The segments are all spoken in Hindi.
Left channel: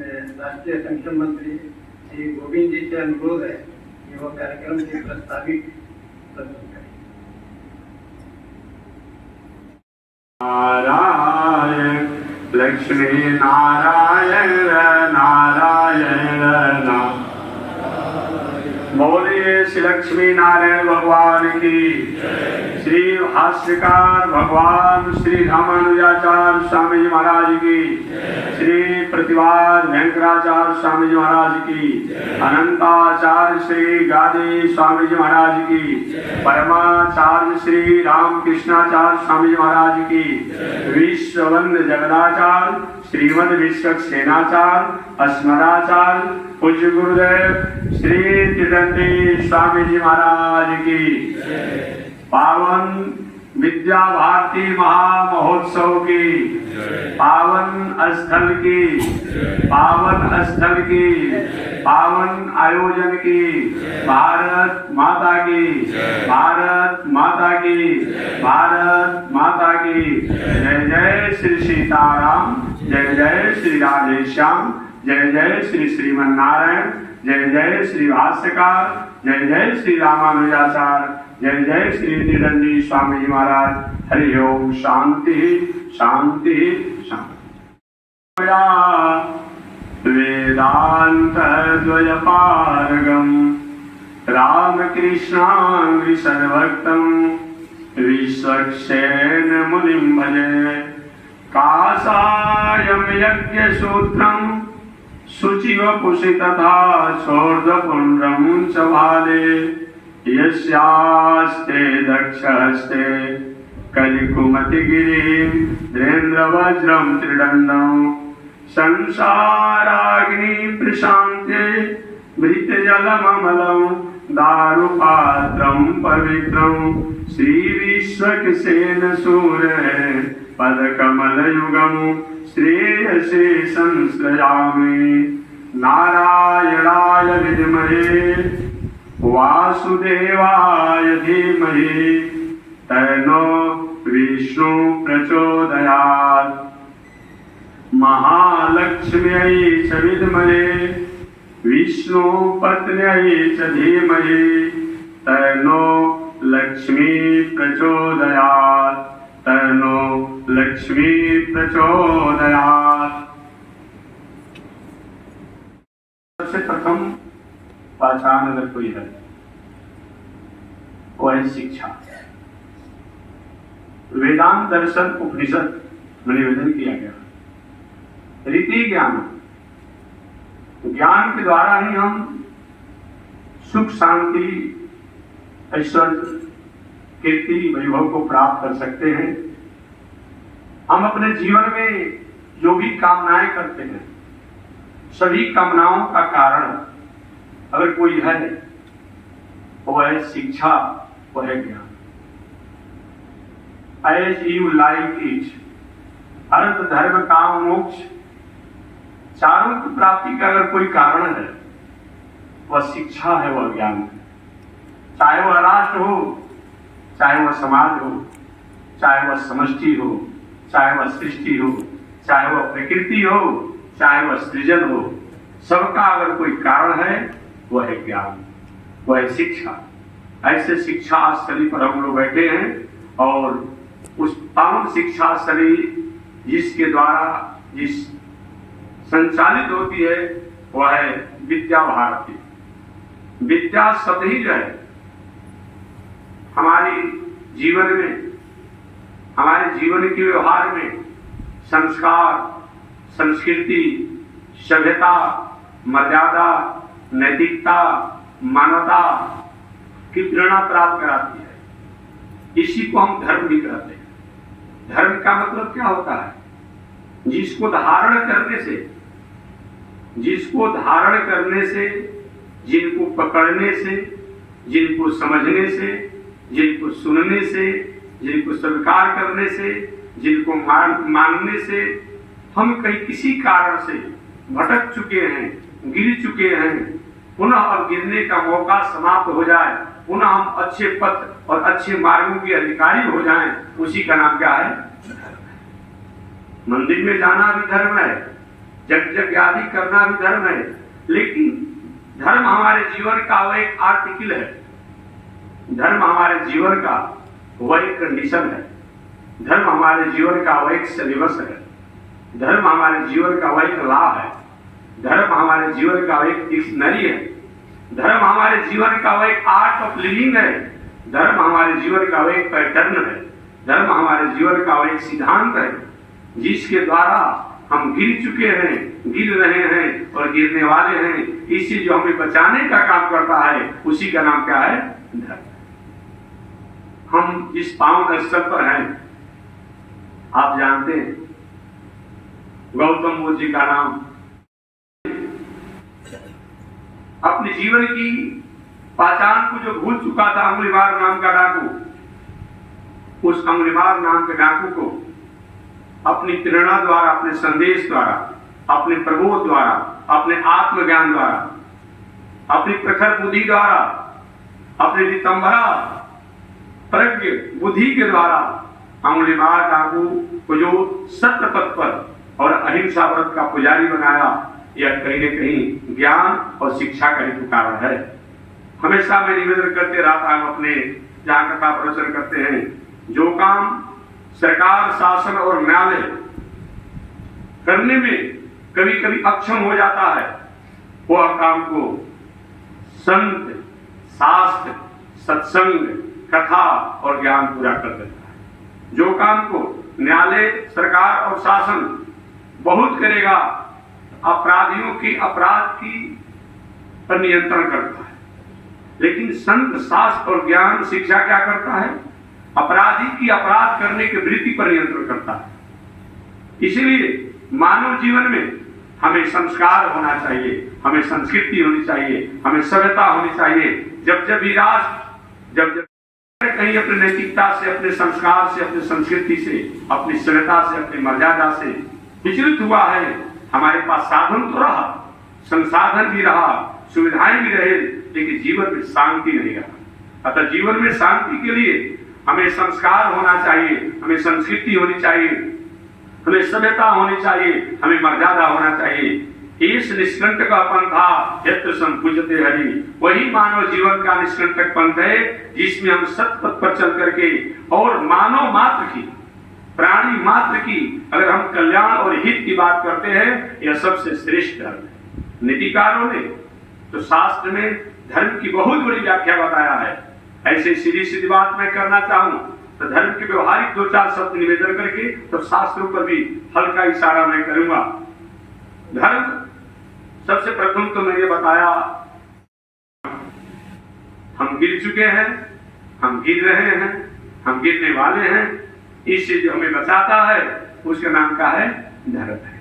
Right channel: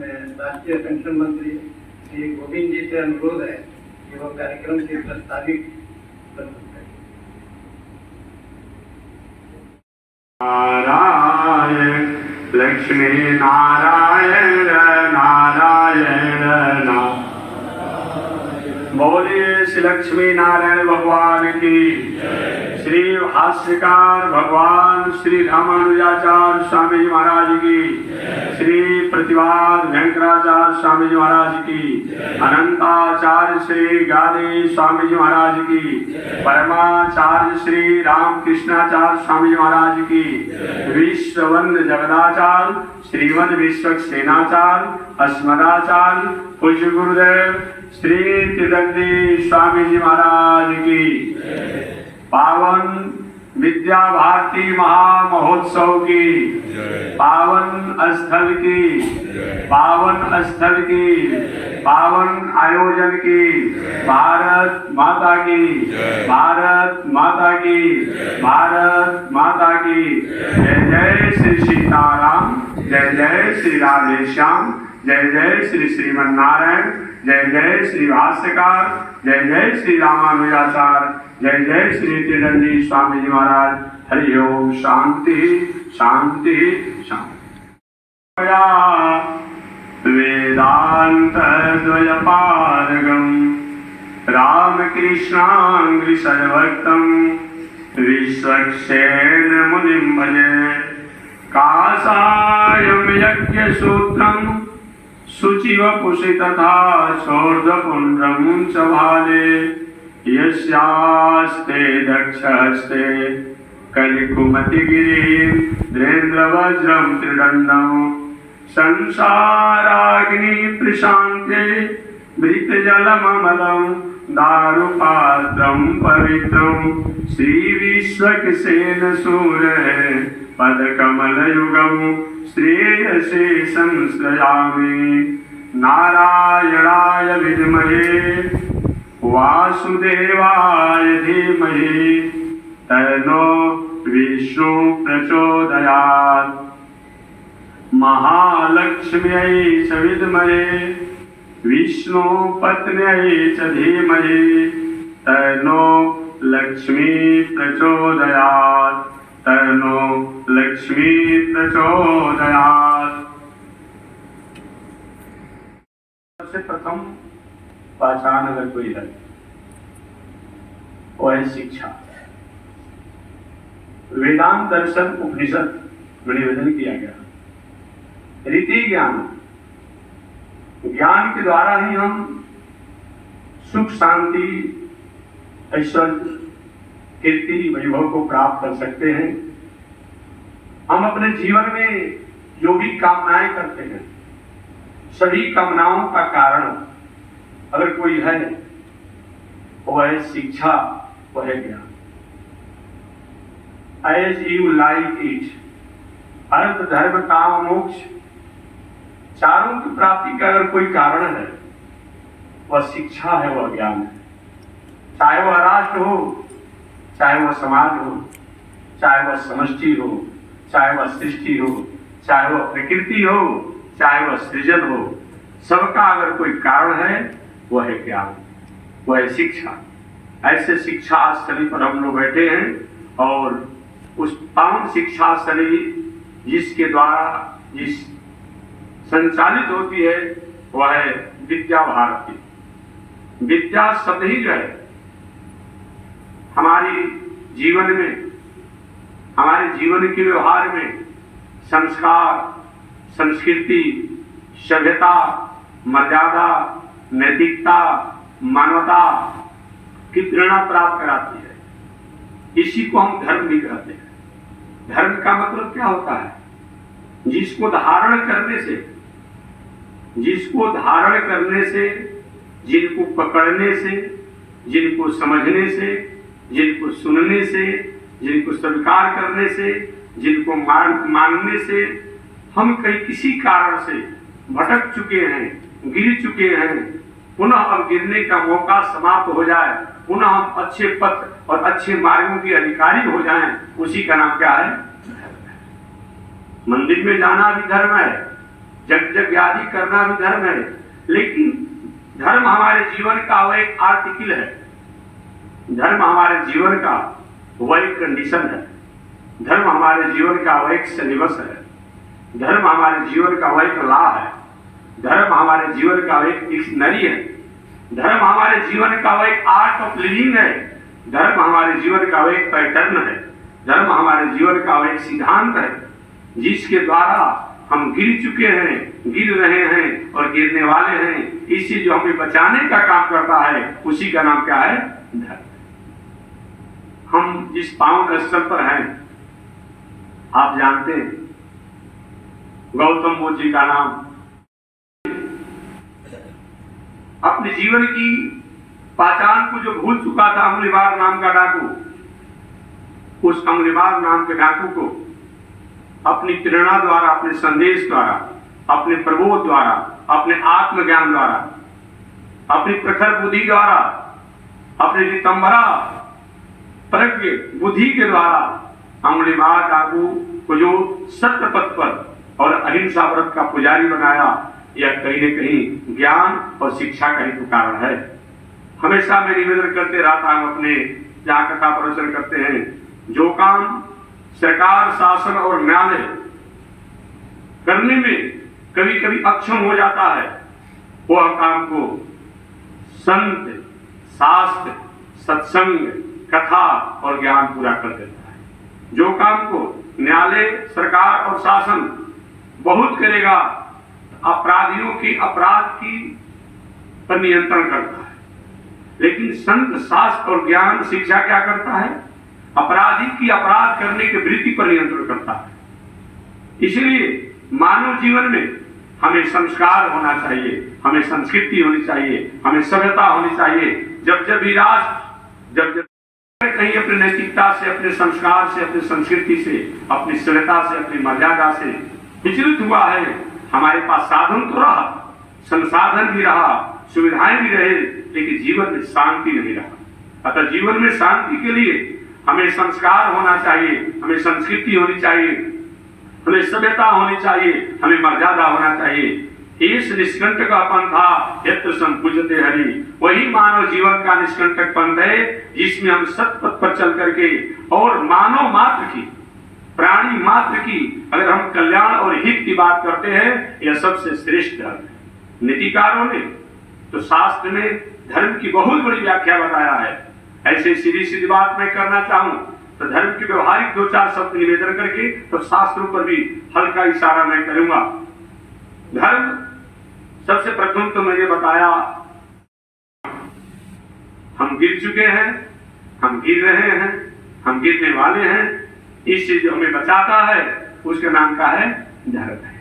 राष्ट्रीय संगठन मंत्री श्री गोविंद जी से अनुरोध है कि वो कार्यक्रम के प्रस्तावित प्रस्तुत करें। नारायण लक्ष्मी नारायण नारायण नारायण। बोलिए श्री लक्ष्मी नारायण भगवान की। श्री भाष्यकार भगवान श्री रामानुजाचार्य स्वामी जी महाराज की। श्री प्रतिवाद वेंकटाचार्य स्वामी जी महाराज की। अनंताचार्य श्री गादी स्वामी जी महाराज की। परमाचार्य श्री रामकृष्णाचार्य स्वामी जी महाराज की। विश्ववंद जगदाचार्य श्रीमद विश्वक्सेनाचार्य अस्मदाचार्य पूज्य गुरुदेव श्री त्रिदंडी स्वामी जी महाराज की। पावन विद्या भारती महामहोत्सव की पावन स्थल की पावन आयोजन की भारत माता की भारत माता की भारत माता की। जय जय श्री सीताराम, जय जय श्री राधेश्याम, जय जय श्री श्रीमन नारायण, जय जय श्री भाष्यकार, जय जय श्री रामानुजाचार्य, जय जय श्री त्रिदंडी स्वामी जी महाराज। हरि ओम। शांति शांति शांति। वेदांत द्वयपारगम रामकृष्णांग्रि सर्वक्तम विश्वक्सेन मुनिं भजे। काषायं यज्ञसूत्रं शुचिवपुषि तथा शोर्धपुण्ड्रं च भाले। यस्यास्ते दक्षहस्ते कलिकुमतिगिरीन्द्रेन्द्रवज्रं त्रिदण्डं। संसाराग्नि प्रशान्ते मृतजलममलं दारुपात्रं पवित्रं। श्रीविश्वक्सेन सूरे पदकमलयुगं श्रेयसे संश्रयामि। नारायणाय विद्महे वासुदेवाय धीमहि तन्नो विष्णु प्रचोदयात्। महालक्ष्म्यै च विद्महे विष्णु पत्न्यै च धीमहि तन्नो लक्ष्मी प्रचोदयात् तन्नो लक्ष्मी प्रचोदयात्। सबसे प्रथम पहचान अगर कोई है वो है शिक्षा। वेदांत दर्शन उपनिषद में निवेदन किया गया रीति ज्ञान। ज्ञान के द्वारा ही हम सुख शांति ऐश्वर्य कीर्ति वैभव को प्राप्त कर सकते हैं। हम अपने जीवन में जो भी कामनाएं करते हैं सभी कामनाओं का कारण अगर कोई है वो है शिक्षा, वो है ज्ञान। As you like it, अर्थ धर्म काम मोक्ष चारों की प्राप्ति का अगर कोई कारण है वह शिक्षा है, वह ज्ञान है। चाहे वह राष्ट्र हो, चाहे वह समाज हो, चाहे वह समष्टि हो, चाहे वह सृष्टि हो, चाहे वह प्रकृति हो, चाहे वह सृजन हो, सबका अगर कोई कारण है वह है ज्ञान, वह है शिक्षा। ऐसे शिक्षा स्थली पर हम लोग बैठे हैं और उस पावन शिक्षा स्थली जिसके द्वारा जिस संचालित होती है वह है विद्या भारती। विद्या शब्द ही जो है हमारी जीवन में, हमारे जीवन के व्यवहार में संस्कार, संस्कृति, सभ्यता, मर्यादा, नैतिकता, मानवता की प्रेरणा प्राप्त कराती है। इसी को हम धर्म भी कहते हैं। धर्म का मतलब क्या होता है? जिसको धारण करने से, जिनको पकड़ने से, जिनको समझने से, जिनको सुनने से, जिनको स्वीकार करने से, जिनको मानने से हम कहीं किसी कारण से भटक चुके हैं, गिर चुके हैं, पुनः अब गिरने का मौका समाप्त हो जाए, पुनः हम अच्छे पथ और अच्छे मार्गों के अधिकारी हो जाएं, उसी का नाम क्या है? मंदिर में जाना भी धर्म है, यज्ञ आदि करना भी धर्म है, लेकिन धर्म हमारे जीवन का वो एक आर्टिकल है, धर्म हमारे जीवन का वो एक कंडीशन है, धर्म हमारे जीवन का वो एक सिलेबस है, धर्म हमारे जीवन का वो एक लॉ है, धर्म हमारे जीवन का वो एक डिक्शनरी है, धर्म हमारे जीवन का वो एक आर्ट ऑफ लिविंग है, धर्म हमारे जीवन का वो एक पैटर्न है, धर्म हमारे जीवन का वो एक सिद्धांत है, जिसके द्वारा हम गिर चुके हैं, गिर रहे हैं और गिरने वाले हैं। इसी जो हमें बचाने का काम करता है उसी का नाम क्या है? धर्म। हम जिस पावन स्तर पर हैं, आप जानते हैं गौतम बुद्ध जी का नाम अपने जीवन की पहचान को जो भूल चुका था अंगुलीमार नाम का डाकू, उस अंगुलीमार नाम के डाकू को अपनी प्रेरणा द्वारा, अपने संदेश द्वारा, अपने प्रबोध द्वारा, अपने आत्मज्ञान द्वारा, अपनी प्रखर बुद्धि द्वारा, अपने दितंबरा प्रज्ञ बुद्धि के द्वारा अंगुलीमार डाकू को जो सत्य पथ पर और अहिंसा व्रत का पुजारी बनाया, यह कहीं न कहीं ज्ञान और शिक्षा का ही कारण है। हमेशा मैं निवेदन करते रहता हूं, अपने जहां कथा प्रवचन करते हैं, जो काम सरकार, शासन और न्यायालय करने में कभी कभी अक्षम हो जाता है, वह काम को संत, शास्त्र, सत्संग, कथा और ज्ञान पूरा कर देता है। जो काम को न्यायालय, सरकार और शासन बहुत करेगा, अपराधियों की अपराध की पर नियंत्रण करता है, लेकिन संत, शास्त्र और ज्ञान शिक्षा क्या करता है? अपराधी की अपराध करने की वृत्ति पर नियंत्रण करता है। इसलिए मानव जीवन में हमें संस्कार होना चाहिए, हमें संस्कृति होनी चाहिए, हमें सभ्यता होनी चाहिए। जब जब भी राष्ट्र जब कहीं अपनी नैतिकता से, अपने संस्कार से, अपनी संस्कृति से, अपनी सभ्यता से, अपनी मर्यादा से विचलित हुआ है, हमारे पास साधन तो रहा, संसाधन भी रहा, सुविधाएं भी रहे, लेकिन जीवन में शांति नहीं रहा। अतः जीवन में शांति के लिए हमें संस्कार होना चाहिए, हमें संस्कृति होनी चाहिए, हमें सभ्यता होनी चाहिए, हमें मर्यादा होना चाहिए। इस निष्कंटक पंथा यत्र संपूजते हरि, वही मानव जीवन का निष्कंटक पंथ है, जिसमें हम सत्पथ पर चल करके और मानव मात्र की, प्राणी मात्र की अगर हम कल्याण और हित की बात करते हैं, यह सबसे श्रेष्ठ धर्म है। नीतिकारों ने तो शास्त्र में धर्म की बहुत बड़ी व्याख्या बताया है। ऐसे सीधी सीधी बात मैं करना चाहूं तो धर्म के व्यवहारिक दो चार शब्द निवेदन करके तो शास्त्रों पर भी हल्का इशारा मैं करूंगा। धर्म सबसे प्रथम तो मैंने बताया, हम गिर चुके हैं, हम गिर रहे हैं, हम गिरने वाले हैं, इससे जो हमें बचाता है उसका नाम का है धर्म है,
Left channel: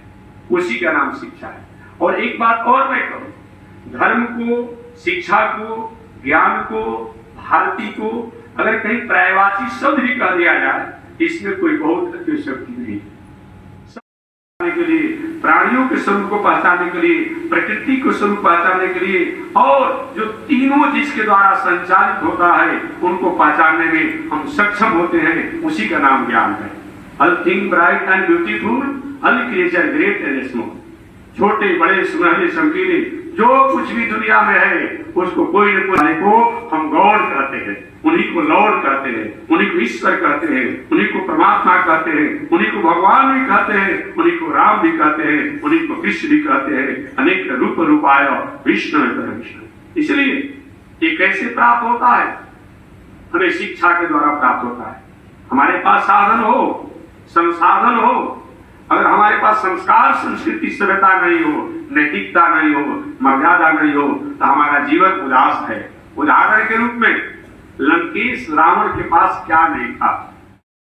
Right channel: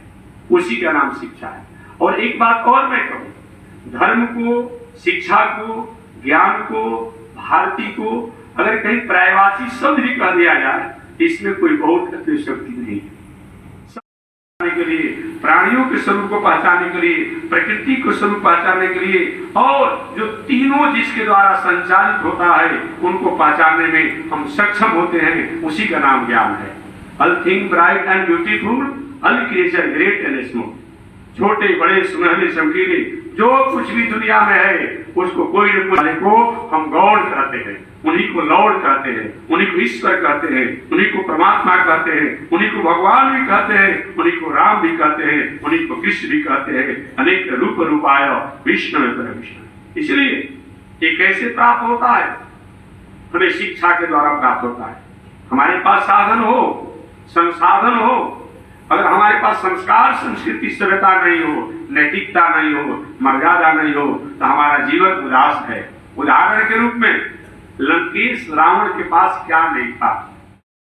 उसी का नाम शिक्षा है। और एक बात और मैं कहूं, धर्म को, शिक्षा को, ज्ञान को, भारती को अगर कहीं पर्यायवाची शब्द भी कह दिया जाए, इसमें कोई बहुत अतिशयोक्ति नहीं है। के लिए, प्राणियों के स्वरूप को पहचानने के लिए, प्रकृति के स्वरूप पहचानने के लिए, और जो तीनों जिसके द्वारा संचालित होता है उनको पहचानने में हम सक्षम होते हैं, उसी का नाम ज्ञान है। All thing bright and beautiful, all creature great and small, छोटे बड़े सुनहरे चमकीले जो कुछ भी दुनिया में है उसको कोई न कोई को हम गॉड कहते हैं, उन्हीं को लॉर्ड कहते हैं, उन्हीं को ईश्वर कहते हैं, उन्हीं को परमात्मा कहते हैं, उन्हीं को भगवान भी कहते हैं, उन्हीं को राम भी कहते हैं, उन्हीं को कृष्ण भी कहते हैं। अनेक रूप रूपाय विष्णु विष्णु। इसलिए ये कैसे प्राप्त होता है? हमें शिक्षा के द्वारा प्राप्त होता है। हमारे पास साधन हो, संसाधन हो, अगर हमारे पास संस्कार, संस्कृति, सभ्यता नहीं हो, नैतिकता नहीं हो, मर्यादा नहीं हो, तो हमारा जीवन उदास है। उदाहरण के रूप में लंकेश रावण के पास क्या नहीं था?